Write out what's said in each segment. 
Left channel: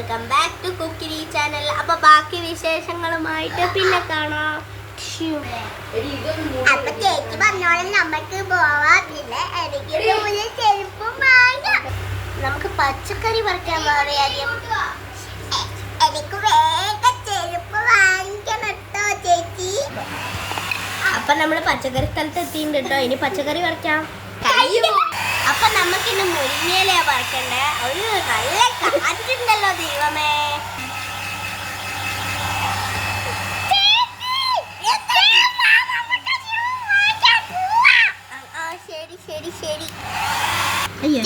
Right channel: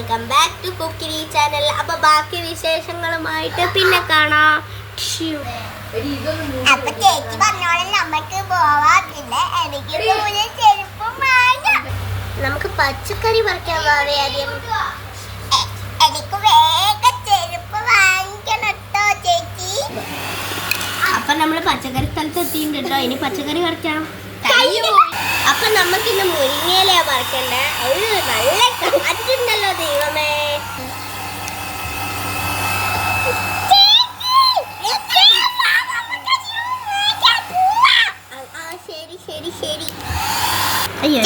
Welcome back to Kukkiri channel. അപ്പൊ ബാക്കി വിശേഷങ്ങളുമായിട്ട് പിന്നെ കാണാം. അപ്പൊ ചേച്ചി പറഞ്ഞോളെ നമുക്ക് പോവാത്തില്ല. എനിക്ക് ചെരുപ്പ് വാങ്ങാം. നമുക്ക് പച്ചക്കറി പറിക്കാൻ പോവാതെ ആദ്യം. എനിക്ക് വേഗം ചെരുപ്പ് വാങ്ങിക്കണം കേട്ടോ ചേച്ചി. അപ്പൊ നമ്മള് പച്ചക്കറി സ്ഥലത്ത് എത്തിയിട്ടുണ്ട് കേട്ടോ. ഇനി പച്ചക്കറി പറിക്കാം. അപ്പൊ നമുക്കിന്ന് മുരിങ്ങയില പറിക്കണ്ടേ. ഒരു നല്ല കാറ്റുണ്ടല്ലോ ദൈവമേ. ശരി ശരി ശരി. അയ്യോ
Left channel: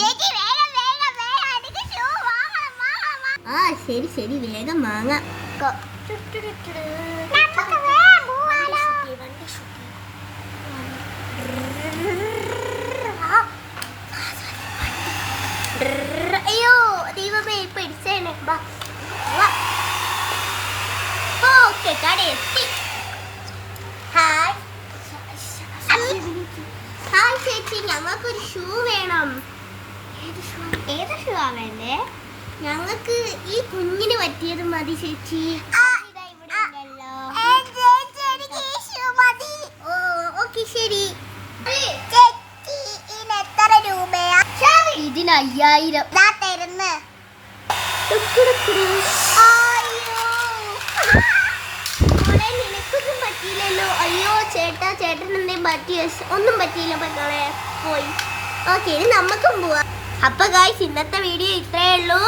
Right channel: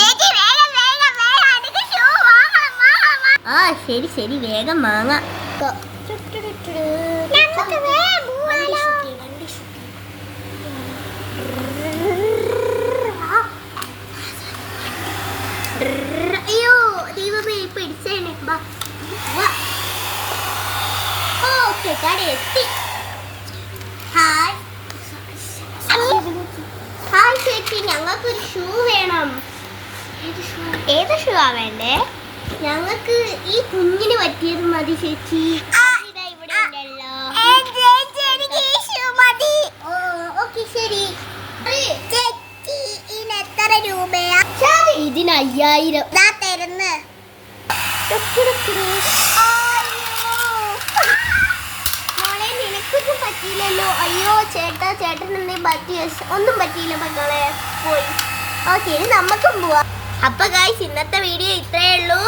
ആ ശരി ശരി വേഗം വാങ്ങാം. അയ്യോ ദൈവമേ പിടിച്ചേനെ. ഓക്കെ കട എത്തി. ഹായ് ഹായ് ചേച്ചി, ഞങ്ങൾക്കൊരു ഷൂ വേണം. ഏത് ഷൂ ആ വേണ്ടേ? ഞങ്ങൾക്ക് ഈ കുഞ്ഞിന് പറ്റിയത് മതി ചേച്ചി. ഇവിടെ ഉണ്ടല്ലോ. ഓക്കെ ശരി. എത്ര രൂപയാ? ഇതിന് 5000 തരുന്നു. നിനക്കൊന്നും പറ്റിയില്ലല്ലോ. അയ്യോ ചേട്ടാ, ചേട്ടൻ എന്തെങ്കിലും പറ്റിയ? ഒന്നും പറ്റിയില്ല മക്കളെ, പോയി. ഓക്കെ ഇനി നമുക്കും പോവാം. അപ്പൊ ഗൈസ് ഇന്നത്തെ വീഡിയോ ഇത്രയേ ഉള്ളൂ.